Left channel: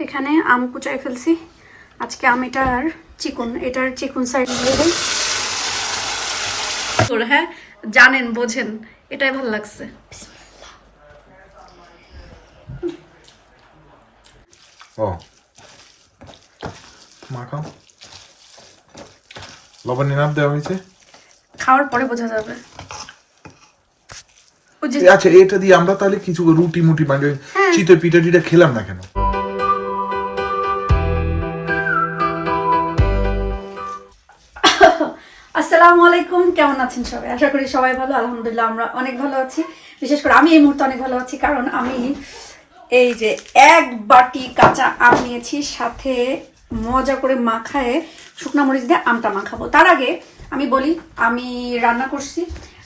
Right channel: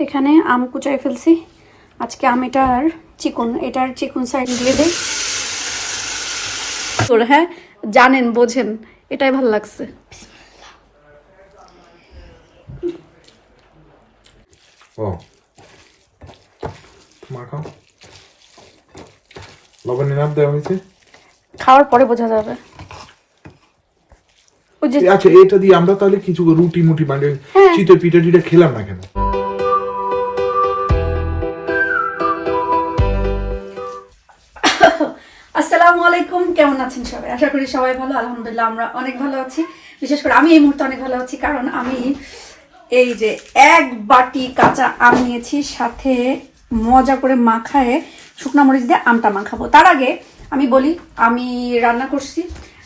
এখানে আম কুচাই ফেলছি। আজকে আম এটার চিকন এটার চিকন সাইড দিয়ে দেই। হ্যাঁ জানেন বোঝেন এটাই ভালো লাগছে। ও। মাখাও লবণের নাম দেওয়া হয়েছে? খাওয়ার পরে বোঝা যাবে। আচ্ছা এটা দিয়ে আমরা তাহলে কিছু রুটি মুটি মানে শীতের পিঠে টিটা খেলাম না কেন? আসসালামু আলাইকুম, কেমন আছেন সবাই? আশা করি সবাই ভালো, আলহামদুলিল্লাহ আমরা অনেক ভালো আছি। বিশেষ করে আমি এই মুহূর্তে অনেক ভালো আছি, কারণ আমি এই যে এক বাটি কাঁচা আম নিয়েছি, সাথে মজা করে মাখায়ে শুকনা মরিচ দিয়ে আমটা মাখাবো। তার আগে আমি বলি, আমি রান্না করছি,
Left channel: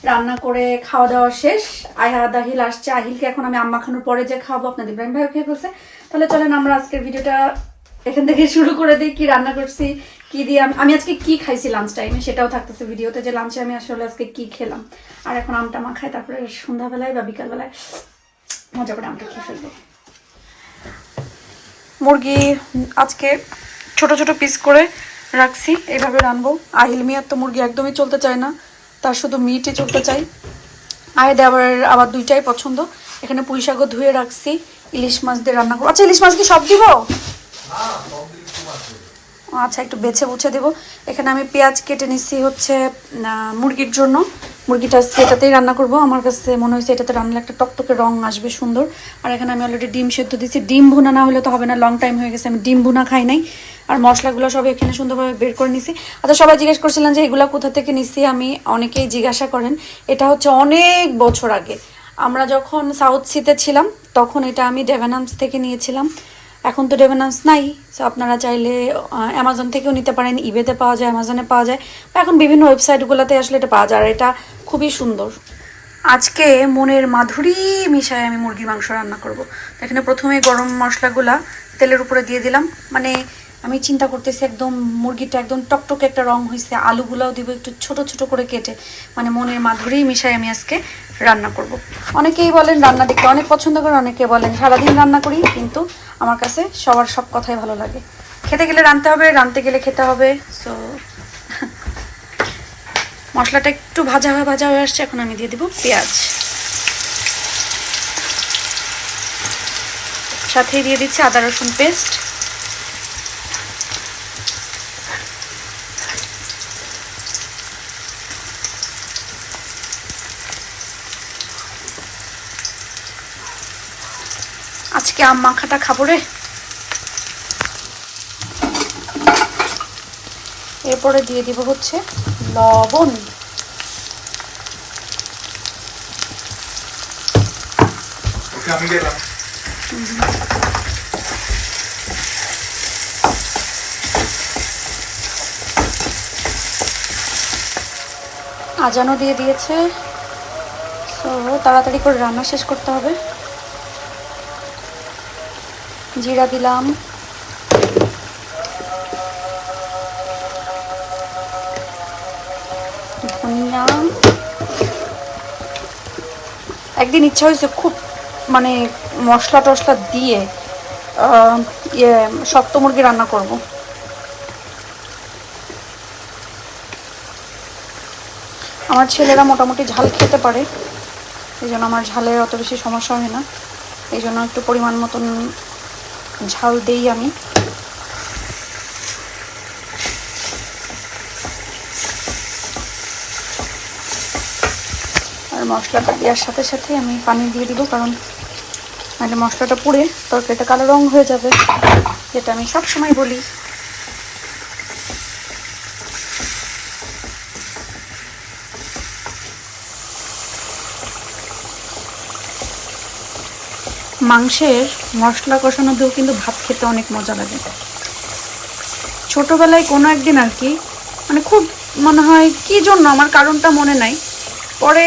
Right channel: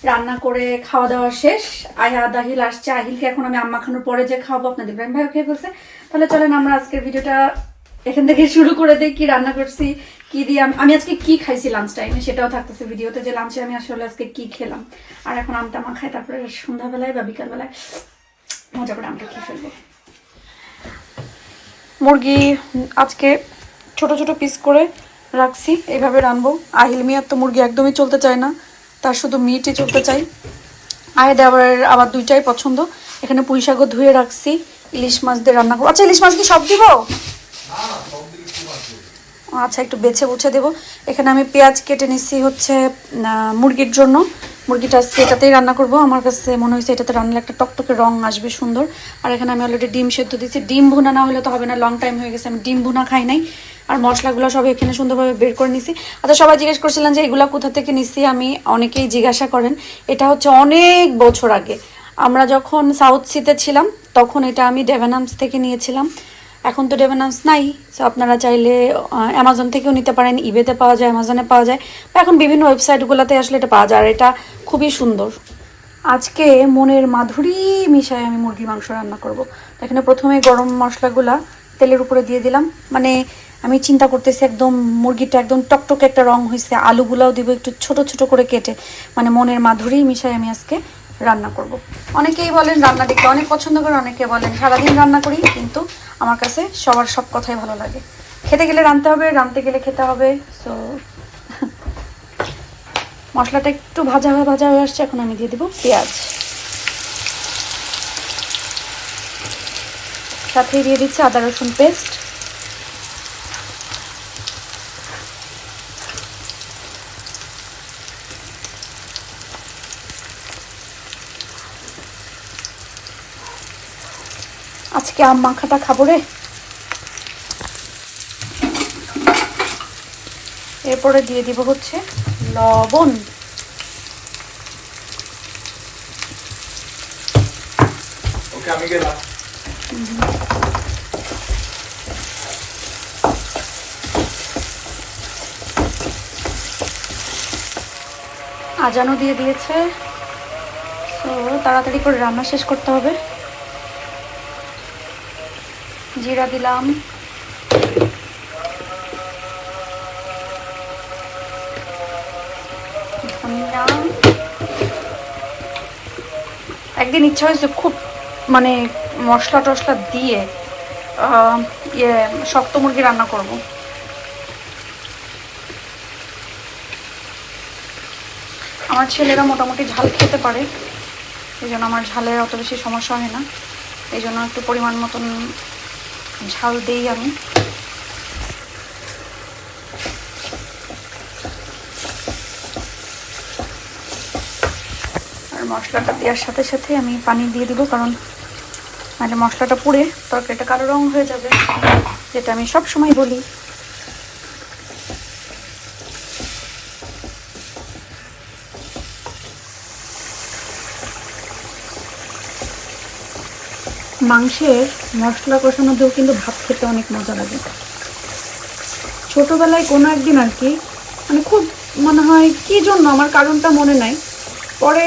রান্না করে খাওয়া দাওয়া শেষ। আয়া দাহিল আসছে, আহিলকে এখন আমি আম মাখানোর পরে যে খাওয়াবো, আপনাদের ইব্রাহিম ভাই খেয়ে ফেলছে। তাহলে চলেন আমরা আজকের ভিডিওটা এখান থেকে শুরু করে দিই, কি রান্না করছি কি দিয়ে আমি- আজকে কি খাইছি লাঞ্চ টাইমে সেটাও থাকতেছে ভিডিওতে যে লাঞ্চে আমি আসলে আজকে কি খেলাম। আর এখন আমটা মা খাই তারপরে সন্ধ্যাবেলায় বা বিকালবেলায় মজা করে আমটা খেয়ে ফেলব। মুরগি আজকে ছোট ছোট পিস করে রাখছি এইভাবে রানবো। আহিল মিয়ার তো মুরগি একদমই চলতে চায় না, তার শুধু মিটই চলতে চাই। আয়েদে আবার আবার দুইটাই পছন্দ। এখানে পুঁই শাকও ধুয়ে রাখছি, ইলিশ মাছ দিয়ে রান্না করব। আচ্ছা ইলিশ মাছ কি সব দিব? আচ্ছা একটু বেছে বুছে দেবো। এখানে আমি পেঁয়াজ কেটে নিচ্ছি হচ্ছে মুরগির জন্য। মুরগিটা এটাতেই রান্না করব। আমার কাছে মনে হয়েছে এটাতে রান্নালে একটা টকটকে রং আসবে সুন্দর। আর এখানে আমি অলরেডি ডিম সেদ্ধ দিচ্ছি ডিম ভুনা না হলে তো হবে না লং টাইম হয়ে গেছে। আমি ডিম ভুনা খাই নাই। আর মশলাগুলো সব এখানে সুন্দরভাবে বের করে নিছি। আচ্ছা সবাই জিজ্ঞেস করছিলেন যে এগুলা কোথা থেকে নিছি? আমি অনেকেই জিজ্ঞাসা করেন। এটা হচ্ছে অনেক বছর আগে। আমরা যখন সাউথ সিতে ছিলাম, তখন এটা আমি ডেভেনামস থেকে নিয়েছিলাম। এখন তো ডেভেনান্স নাই সো আপনারা চাইলে অ্যামাজন থেকেও নিতে পারেন ইবেতে পাওয়া যায় অ্যামাজনে পাওয়া যায়, বা এখন বিভিন্ন ওয়েবসাইটগুলোতে আসলে এটা পাওয়া যায়, আর এটা খুবই সুন্দর। আজকে মনের মাধুরী মিশায় আমি মুরগির মাংস রান্না করব। এখানে প্রথমে গরম মশলাগুলা তেলের উপরে দিয়ে দিলাম। মানে আমি চিন্তা করতেছি একদম মুরগিটা একদম টকটকে একটা রং হয়েছে আলুগুলাও দিব একটু ছোট ছোট করে কেটে। মানে মনের মাধুরী মিশাই আমি আজকে রান্না করব। অনেকেই বলেন রান্না দেখতে অনেক পছন্দ করে, অনেকে বলেন সারাদিন রান্না করি, কিন্তু আমার কাছে সবার সব কথাই ভালো লাগে। খেতে গেলে রানতে হবে রানতে গেলে খেতে হবে সো মশলাটা একটু ভাজা হয়ে ভাজা হয়ে আসছে, এখন আমি দিয়ে দিব পেঁয়াজ। সাথে দিয়ে দিচ্ছি আদা রসুন পেস্ট। আজকে আম মাখাটা খাব রে। এরপরে দিয়ে দিব হচ্ছে লবণ। আজানও দিয়ে দিয়েছে। তো তাড়াতাড়ি করে রান্না শেষ করতে হবে। জিরা দিলাম। ধনিয়া। একদিন ইচ্ছা হয়েছে খুব মানে মশলা টশলা দিয়ে ইয়ে শক্ত মুরগি রান্না করব। আমার ছেলেরা মোটামুটি ঝাল খেতে পারে, এই জন্য আমার ঝালের অত বেশি সমস্যা হয় না। এই জন্য একটু পরিমাণ মতন ঝাল দিই আমি আর মশলাটা দেওয়ার সাথে সাথে আমি পানি দিয়ে দিব, কারণ মানে মশলাটা পুড়ে তরকারিটা কালো রং হয়ে যাবে, যেটা আমি সব সময় বলি। মাংসের মশলা কষানো দিয়েও কিন্তু ভাত খেতে অনেক মজা লাগে। ছোটবেলায় কোনো একদিন আর কি মানে খুব মনে হয় কি জন্য, আমার কারণটা মনে নাই। পরে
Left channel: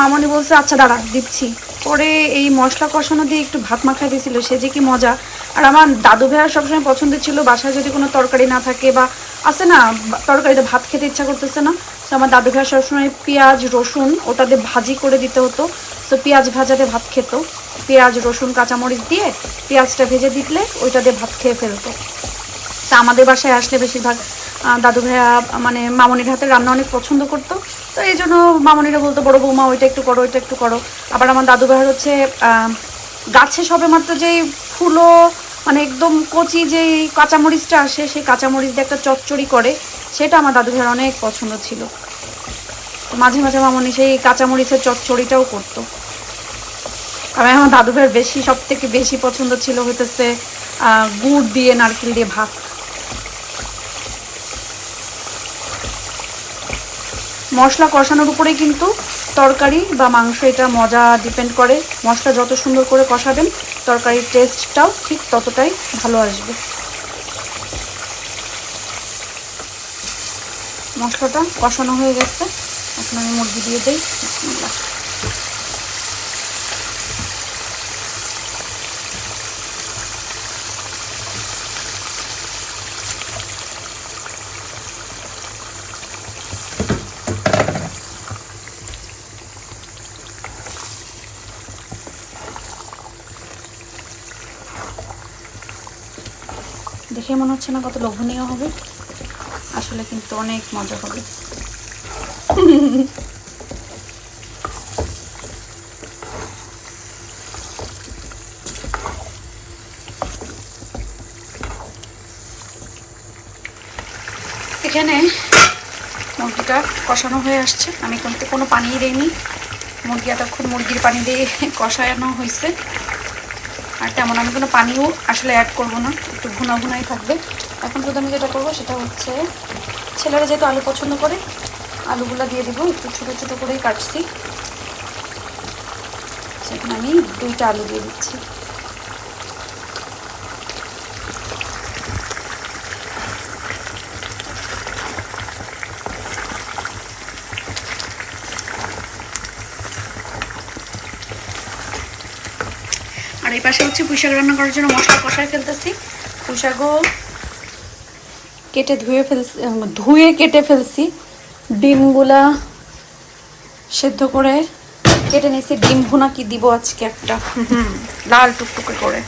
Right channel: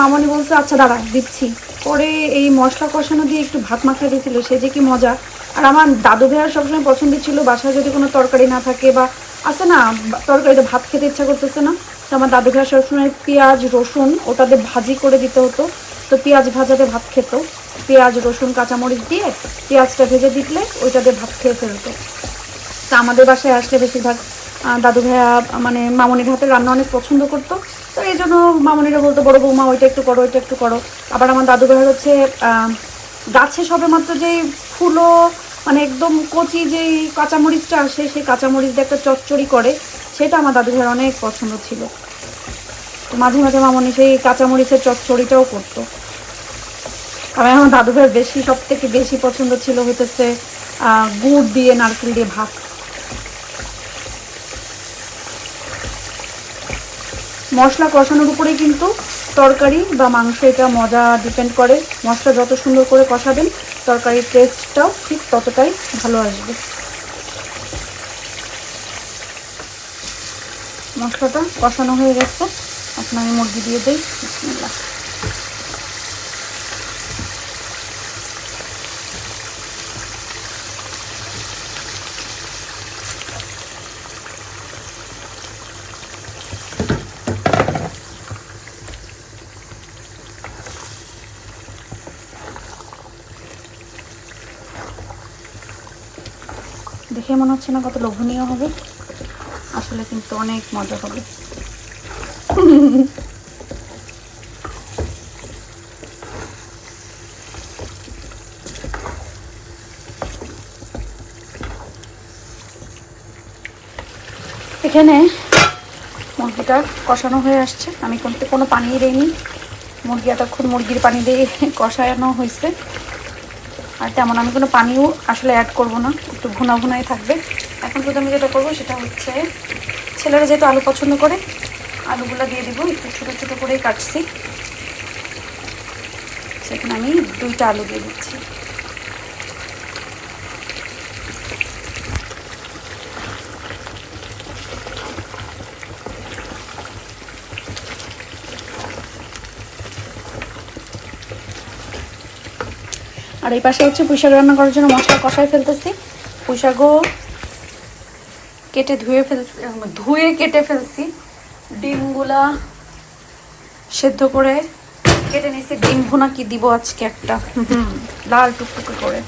মামনি বলছে আচ্ছা দাঁড়া, দিচ্ছি। পরে এই মশলা কষানো দিয়ে একটু ভাত মাখা দিয়েছিল, সে যে কি মজা। আর আমার দাদু ভাইয়ার সবসময় পছন্দ ছিল, বাসায় যদি কোনো তরকারি না থাকে বা আছে না, তরকারিতে ভাত খেতে ইচ্ছা করতেছে না, তো আমার দাদু ভাইয়া সবসময় পেঁয়াজ, রসুন ওটা দিয়ে ভাজি করে দিতে হতো। তো পেঁয়াজ ভাজাতে ভাত খেত। পেঁয়াজ, রসুন, কাঁচামরিচ দিয়ে পেঁয়াজটা ভেজে দিলে ওইটা দিয়ে ভাত খেয়ে ফেলতো। তা আমাদের বাসায় আসলে বেশিরভাগ দাদু ভাইয়া মানে মামনির হাতে রান্না অনেক পছন্দ করতো। তো এই জন্য মামনিরা বলতো, বড় বৌমা, ওইটা একটু করো, ওইটা একটু করো। আবার আমার দাদু ভাইয়ের হচ্ছে গাছে সবে মাত্র যেই ফুলো মানে একদম কচি যেই কাঁচামরিচটা আসে, সেই কাঁচামরিচ দিয়ে একটা চচ্চড়ি করে, সেটা আমার দাদু ভাইয়ের অনেক পছন্দ ছিল। তো মাঝে মাঝে মামনি সেই কাঁচামরিচের চচ্চড়িটাও করতো। আমি আমার দাদু বেশি সব থেকে বেশি পছন্দ ছিল হইতেছে গুড় দিয়ে নারকেল দিয়ে ভাত। মশলা কষানোর উপরেই কিন্তু তরকারি বা মাংস, এটা মজা ডিপেন্ড করে। মশলা যত সুন্দর করে কষাবেন, তরকারির টেস্টটাও ঠিক ততটাই ভালো আসবে। মশলাটা কষানো হয়ে গেছে। এখন আমি মুরগি দিয়ে দিই। দেখে মনে হচ্ছে না কত লোভনীয় হবে। আসলে কিন্তু অনেক মজা হবে। এখানে মুরগিটা কষানো হয়ে আসছে। আমি কিন্তু কোনো পানি দিইনি। মুরগি এতক্ষণ মুরগির পানি দিয়ে কষানো হয়েছে। আর তেমন আমি কোনো পানিও আসলে অ্যাড করব না। একটু ভুনা ভুনাই থাকবে। এখন শুধু আমি যেটা করব সেটা হচ্ছে, ছেলেরা যেহেতু আলু পছন্দ করে আলুগুলো দিয়ে দিব, একটু ছোটো ছোটো করেই কাটছি। সেখানে আমি দুইটা আলু দিয়ে দিচ্ছি। আর এই পাশে হচ্ছে পুঁইশাক রান্না করার জন্য মশলা কষায় ফেলতেছি। পুঁইশাকও কেটে ধুয়ে ফেলছি, ধুয়ে কেটে ফেলছি। ডিমগুলা সেদ্ধ করে কেটে নিয়েছি। ডিম ভুনা কি দিব আজকে একটা? লাল টুকটুকে করে।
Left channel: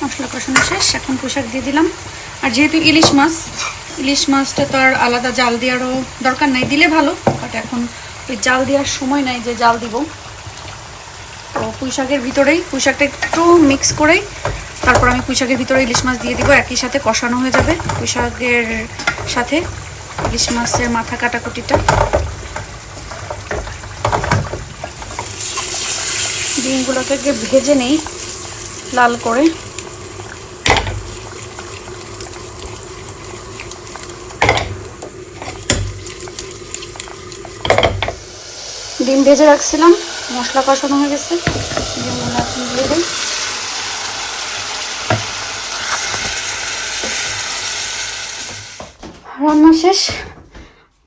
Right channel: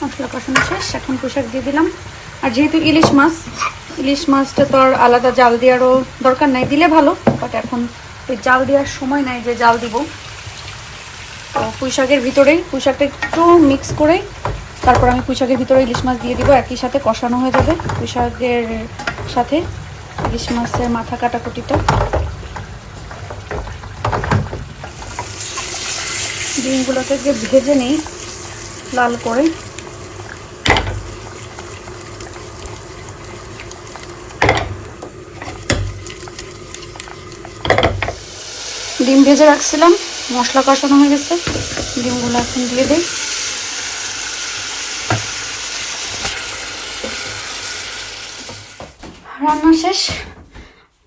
মশলা কষানো শেষ, এখন পোশাক দিয়ে দিলাম। আর যেহেতু ইলিশ মাছ, ইলিশ মাছটা তো আর আলাদা জাল দেওয়ারও দরকার নাই। দিলে ভালো, বাট এখন ওই জাল দেওয়ার সময় নাই যে জাল দিব। তো পুঁইশাকের ভিতরেই পুঁইশাকটা একটু মিক্স করেই তারপর আমি পুঁইশাকের ভিতরে ইলিশ মাছ দিয়ে দিব, একই সাথে কষানো হয়ে যাবে পুঁইশাকের সাথে ইলিশ মাছের মাথা কাটাকুটিটা। ডিমগুলোকে ভেজে নেই, লাল করে। ডিম ভেজে রাখছিলাম, মশলা কষানো হয়ে গেছে, ডিমগুলো এখন দিয়ে দিই। রান্না শেষ।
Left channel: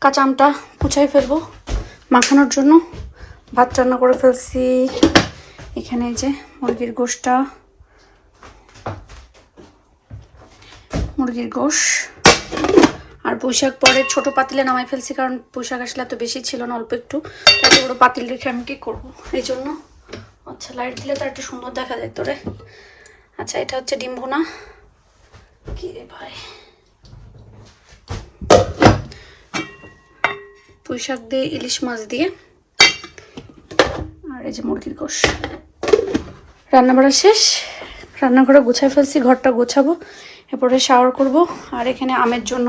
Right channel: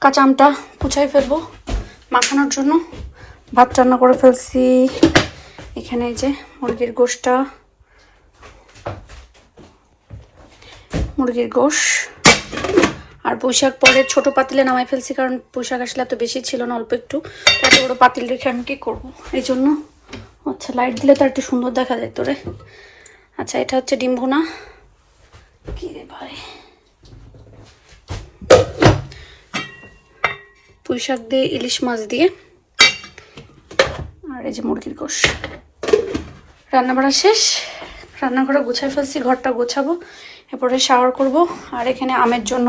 কাঁচা আমটা কুচাই ফেলব মাখানোর জন্য। ভাত রান্না করে ফেলছি। এখানে যে মুরগির গোশটা। মুরগির গোশ। আর পুঁইশাক পরে ছোট পাতিলে নামাই ফেলছি কারণ পুঁইশাক আসলে এত বেশি ছিল না, অল্প একটু। এত বড় পাতিল রেখে আমি কি করব? এই জন্য আচ্ছা লাইট দিলে তো একটু সুন্দর দেখা যায় তোরে আচ্ছা এটা হচ্ছে ডিম ভুনা। কি রে ভাই? পুঁই শাক দিয়ে, ইলিশ মাছ দিয়ে। আর এই যে মুরগির গোশ। রান্না বাড়া শেষ। রান্নাঘরে গুছাই ফেলছি, ঘরটা গোছাবো, এরপরে শাওয়ার করব। আর এখানে আমের জন্য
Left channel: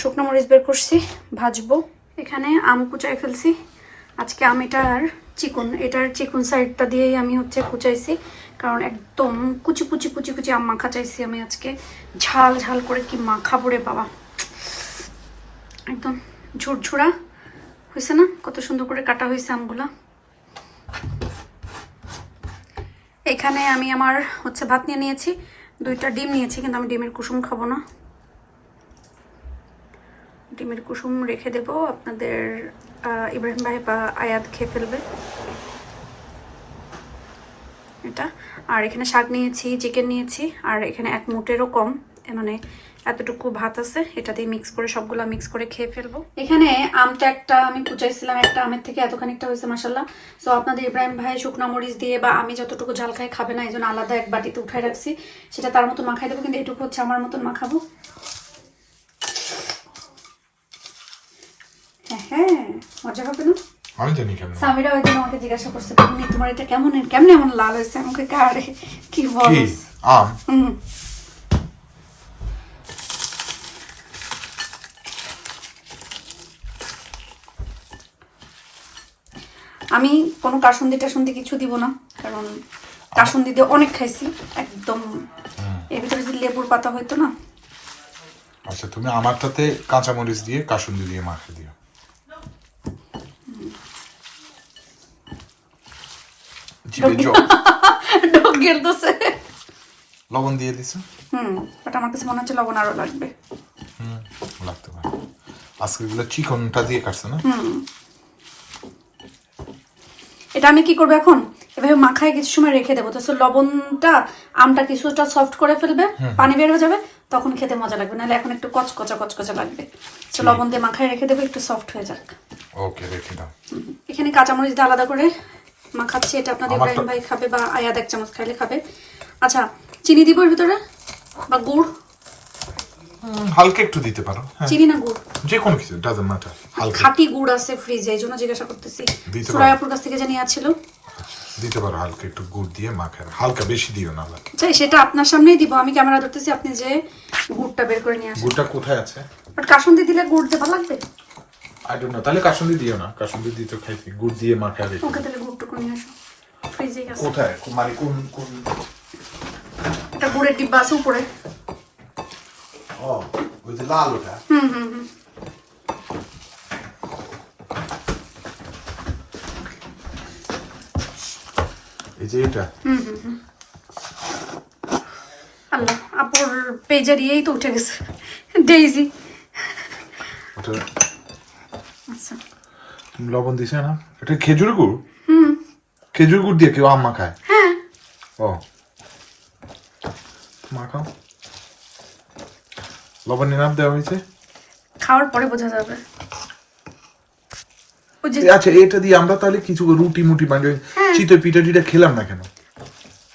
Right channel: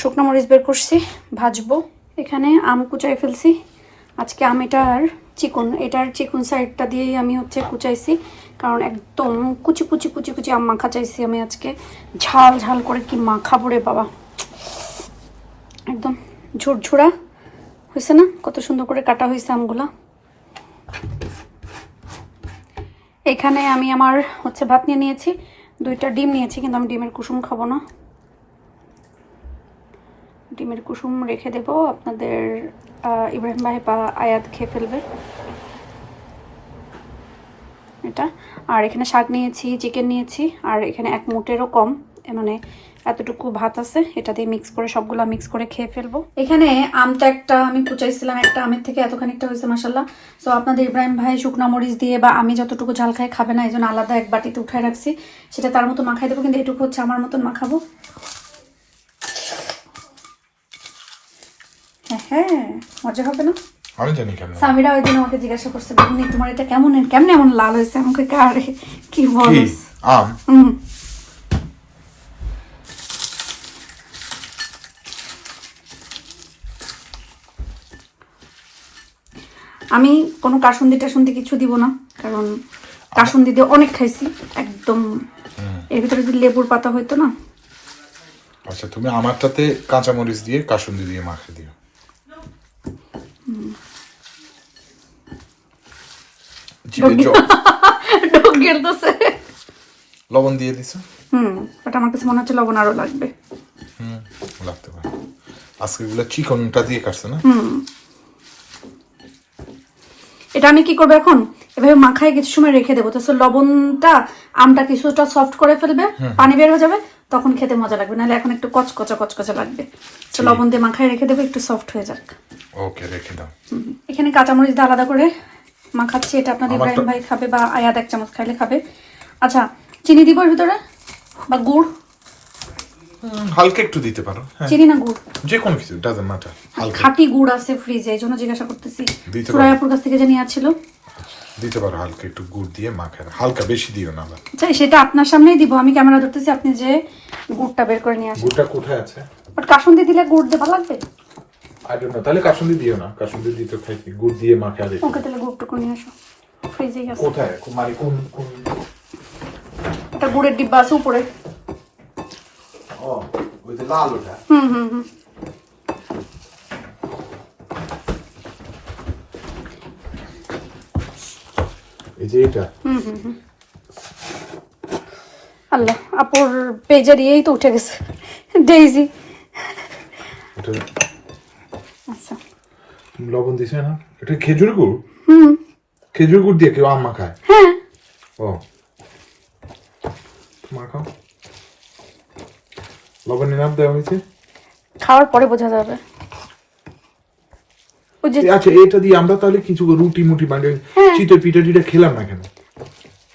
শুকনো মরিচ বের করছি, ভাজবো। এখানে আম কুচাই ফেলছি। আজকে আম এটার চিকন এটার চিকন সাইডটা দিয়েই আমি হচ্ছে কুচাইছি। কারণ একদম কুচি কুচি কুচি কুচি আম মাখা চাইছি আমি আজকে। ঝাল ঝাল করে কি মাখা রে বাবা। একদম ঝুরঝুরা। হয়েছে না? কত সুন্দর করে কাটা হয়েছে আমগুলা। এখানে আমি আমার হচ্ছে ভাত নিয়ে নিয়েছি, দুইটা ডিম নিয়েছি, কিন্তু আমি ডিমের কুসুম খাব না। ডিমের কুসুম রেখে দেব, আপনাদের ইব্রাহিম ভাই বা আয়াত খেয়ে ফেলবে। এটা। আর এখানে শাক নিয়েছি, চিকেন নিয়েছি, আর এখানে এক মুটেরও কম মানে এতটুকু ভাত আছে এটা দিয়ে মিক্স করে সবগুলো মিক্স করে খেয়ে ফেলব। এখানে আমটা একটা আমি কুচাইছিলাম একটা আমের থেকে এতখানিকটা হয়েছে মাসাল্লাহ সো আপনাদের ইব্রাহিম ভাই শুকনা মরিচ দিয়ে বা আমি যতটুকু ঝাল খাই খাবে না এই জন্য আলাদা এক বাটিতে উঠাই রাখছি। সেটা তার মতো মাখাই দেবো কিন্তু এটুকু হচ্ছে আমার মতন মাখাবো। হ্যাঁ হ্যাঁ মজা হবে না? আমি জানি কেমন সামিরা ওই দিন আমাকে জিজ্ঞাসা করছে "বেগুনি, তোমার এটা কেমন কেমন এমন লাল হয়েছে? আমাকে আরে কি কি? বল আম? আমি কোনো কাসুন্দি টাসুন্দি কিছু দিব না কারণ কাসুন্দি দিয়ে অনেক খাইছি একদম। এর ভিতরে যদি লেবুর পাতা হইতো না? আচ্ছা তুমি আমারটাতে কাঁচামরিচ দিয়ে কাসুন্দি দিয়ে মাখে দিও। জিভে জল। লবণ দিয়ে দিছো? হুম বাট আমার কাছে মনে হচ্ছে লবণ আরও লাগবে। হুম লাগতে পারে। আজকে গুলো চিকনটা দিয়ে কাটছে না? এটা আমি কি করব এখন? এভাবে মাখায় কিছু সময় রেখে দেবো। তো লবণটা আমটা কিছুটা সফট করে ফেলবে পানি বের হয়ে যাবে তখন খেতে মজা লাগবে। নাহলে এখন একটু কচকচা কচকচা লাগবে। তো লবণ দিয়ে মাখায় রেখে দেবো একটু সফট হয়ে যাক। ওকে রেখে দাও। এখানে কাঁচামরিচ দিয়ে আলাদা করে মাখাচ্ছি। এটা আপনাদের ইব্রাহিম ভাই খাবে বা আয়াত এক চামচ খাইলে খাবে। আচ্ছা চিনি দিব এর ভিতরে? বা গুড়? হালকা একটু দিতে পারো। হ্যাঁ। চিনি না গুড়? যে কোনো কিছু ডাজন্ট ম্যাটার হালকা। খাঁটি গুড় আছে ফ্রিজে এই জন্য জিজ্ঞাসা করতেছি। দিতে পারো। সুরায়াপুর কাছ থেকে জানিয়ে আছিল দিতে পারো হালকা একটু গুড় দিয়ে মাখে হালকা বেশি দিও না আবার। আচ্ছা সেটা আপনার সামনেই দিব। আমি ক্যামেরা ধরতেছি আপনি যে গুড়টা বের করে নিয়ে আসেন। গুড়টা কোথায় আছে? বাট কাসুন্দি দিলে গুড় দিয়ে ভালো লাগবে? আই ডোন্ট নো তাহলে কাসুন্দি দিও না। কাসুন্দি দিতে খাইছি গুড় দিয়ে মাখে আর রেখে ওকে তাহলে গুড়টুকু নিয়ে আসো। ফ্রিজেই আছে। কোথায়? মানে কোন কোন এটা গুড়ের ডিব্বা আছে উপরে। ওই যে লাল ওটা হুম হুম হুম এই যে এটা আল্লাহ আপুর পেজার ইয়েই তো উঠে গেছে ডেইজি আচ্ছা তুমি লবণ দিছে না এটা খেজুর গুড় খেজুর গুড় দিয়ে কেউ আম মাখায় হ্যাঁ ও মাখাও লবণের নাম দেওয়া হয়েছে? খাওয়ার পরে বোঝা যাবে। আচ্ছা এটা দিয়ে আমরা তাহলে কিছু রুটি মুটি মানে চিতই পিঠা টিটা খেলাম না কেন?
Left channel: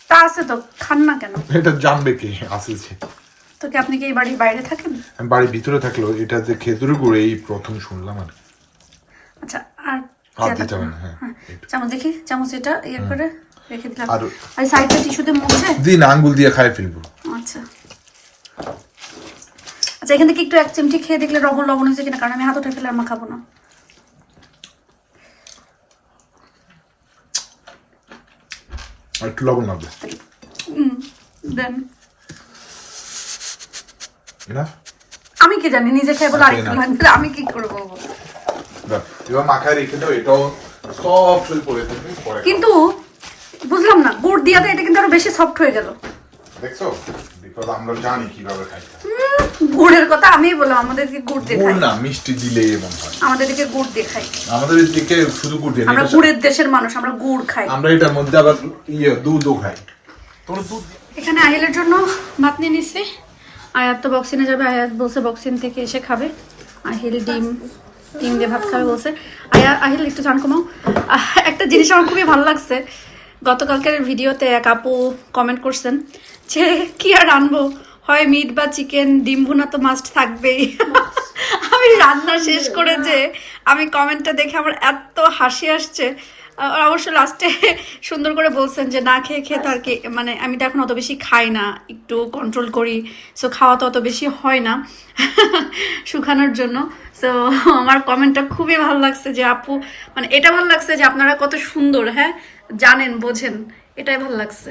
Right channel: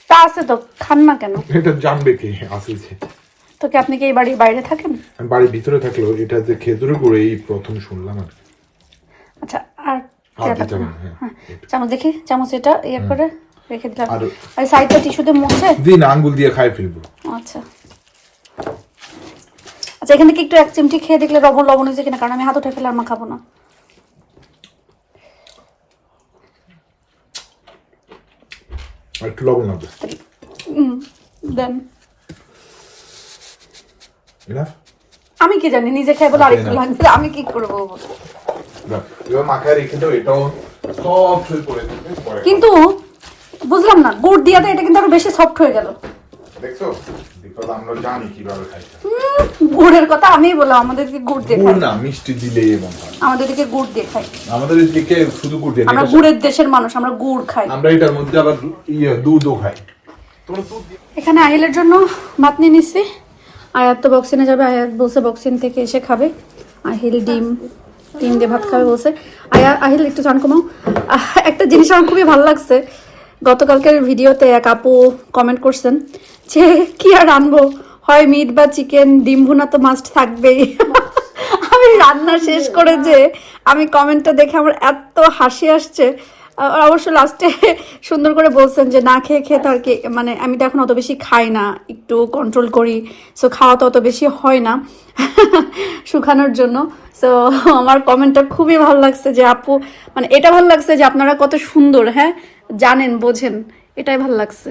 তা আছে তো খান না কেন? এটা জানবে কে? আসেছে। তো কি আপনি কি এই বাড়ির বাইরে থাকেন? বাড়ির ভিতরে থাকলেও এটা যে খেজুরের গুড় এই প্রথম শুনলাম আর। আচ্ছা আর হ্যাঁ, হ্যাঁ। চামচ দেখি চামচ এটা ইয়ে করে রেখে দিলাম। আর- আর সাইডটা টিস্যুতে মুছে? দিন আঙ্গুল দিয়ে খাই ফেলব। আচ্ছা। আচ্ছা এখান থেকে একটু এক চিমটি খেয়ে দেখলে লবণ লবণ হয়েছে কিনা? কারণ আমি হাত উঠে ফেলে মা খাব না। একটু লবণ লাগবে দেন। আমি কি জানি নিজে খাই বলে আরেকটু লাগবে আমি কি করব? এবার মাখায় রেখে দাও এটাও সফট হয়ে পড়ে কিন্তু বুঝলাম না গুড় দিয়াতে এটা কিন্তু আরও বেশি সফট হয়ে গেল। দেখছ? বিকজ আমরা জানি কীভাবে খাইতে গুড়ের কথা আমিই বললাম আমাদেরকে গুড় দিয়ে গুড় খাই না মিষ্টি দিলে এমন আমাদের দিকে গুড় দিয়ে খাই আমাদের দিকে শুধু গুড় না, আমরা গুড়ের দেশের মানুষ আমরা গুড় খাই। আমরা এটার মধ্যে আবার ইয়ে দুধও খাই। এখানে আহিলের জন্য ভাত নিয়ে নিচ্ছি আয়াত তো বক্সিনে যাবে আয়াত বলছে বক্সিন থেকে এসে খাবে। আহিল ডিম ডিম দিয়ে ভাত খাবে বলছে। আয়া আহিল একটু চান কমাও। একটা জিনিস আমার খুবই ভালো লাগছে। গতকালকের ভিডিওতে এক আপু কমেন্ট করছেন যে কি আর আনব? হয় মিট বা চিকেন ডিম ভুনা তো মাস্ট থাকবেই। আমি রান্না শেষ করে যে আমি কমেন্টটা দেখে আমার এত হাসি আসছে। অবশ্য লাস্টে সুন্দর করে বলছেন যে না খেয়ে খেয়ে তার কি মানে আমি তো এখন অত বেশি খাই না একটু কন্ট্রোল করি। সো খাওয়া তো অত বেশি হয় না শুকানোর জন্য। সো আমার কমেন্টটা খুবই ভালো লাগছে যে আপু মানে এটা ভালো লাগছে যে আপনারা কত সুন্দর হ্যাঁ? জানেন বোঝেন এটাই ভালো লাগছে।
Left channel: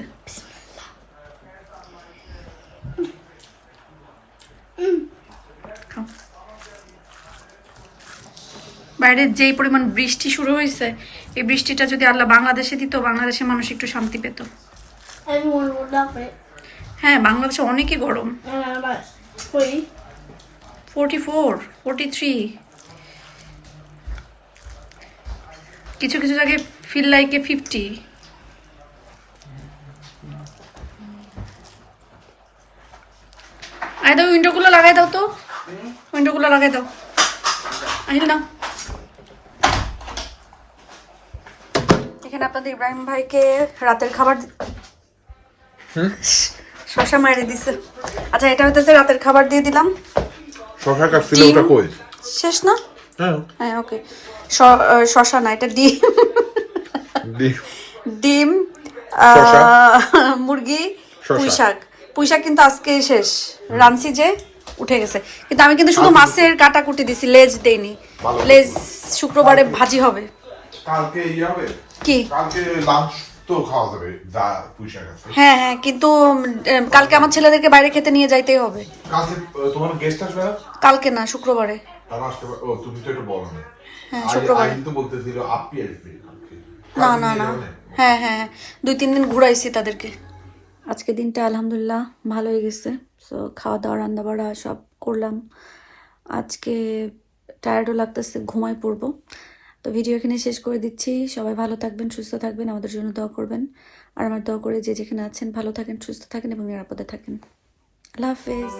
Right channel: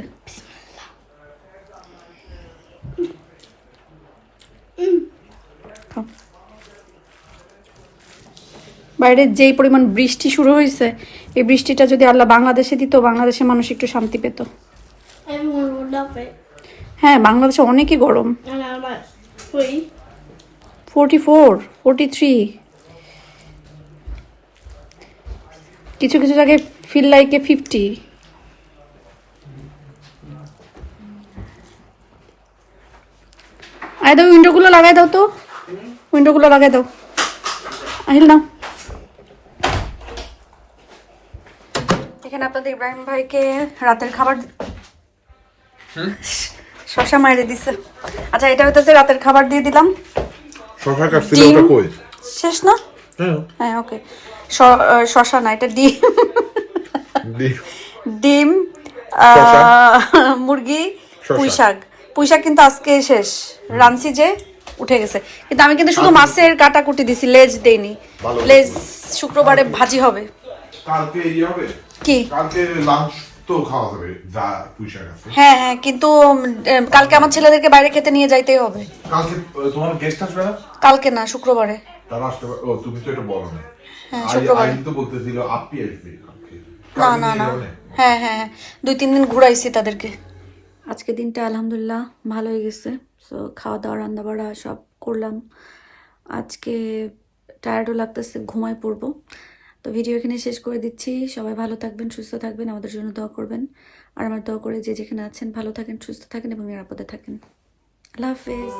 বাইরে যেই পরিমাণ বৃষ্টি শুরু হয়েছে এই বৃষ্টিটা যদি আল্লাহ বাংলাদেশে দিত বাংলাদেশের মানুষ একটু শান্তি পেত. হ্যাঁ বাংলাদেশে অনেকই গরম. ফোরটি ফোর ফোরটি থ্রি কিছু কিছু জায়গায় ফিল লাইকে ফিফটি আয় দাও উইন্ডোগুলো লাগাই দাও তো। উইন্ডোগুলো লাগাই দাও। আহিল না। এখানে আপনাদের ইব্রাহিম ভাইকে রাতের খাবার শশা মাইরে দিছে। আচ্ছা এটা হইতেছে রাতের খাবার দিয়ে দিলাম। শশা কাটছিল। ওটা কই? শেষ না? হ্যাঁ। হ্যাঁ ওকে। শশা না এটা ডিম। ডিম। মুরগি। পুঁই শাক পুঁই শাক কিন্তু আজকে শেষ। রানছি যে উঠে গেছে। কিন্তু আমি কিন্তু শুধু মাছের কাটাকুটি দিছি লেজ দেইনি। লেজ শুক্রবারে ভাজি হবে। কালকে ইয়ে হবে? কি? কালকে লাঞ্চ তো খাওয়া যাবে হ্যাঁ হ্যাঁ কিন্তু কালকে আমার ছেলেদেরকে বাইরে খেতে নিয়ে যাইতেই হবে। কালকে তোমার গেস্ট আসবে না? কালকে না শুক্রবারে। তারা পারে- ও তুমি তো এটা বলো না। হ্যাঁ, শুক্রবারে। আইন তো বলতেছিল আপনি আসবে না না না। হ্যাঁ হ্যাঁ হ্যাঁ। দুই তিন দিন ঘুরাইছি তাদেরকে। আজকে দিনটা আলহামদুলিল্লাহ ভালো হয়ে গেছে। তো খাওয়া দাওয়া রান্না বাড়া সব করলাম। আজকে টায়ার্ডও লাগতেছে ঘুমাই পড়ব। তো ভিডিও এখানে শেষ করে দিচ্ছি। সবাই ভালো থাকবেন সুস্থ থাকবেন আমাদের জন্য দোয়া করবেন। আর আমার দোয়া করে যে যেখানে আছেন ভালো থাকেন সুস্থ থাকেন এবং নিরাপদে থাকেন। আল্লাহ হাফেজ।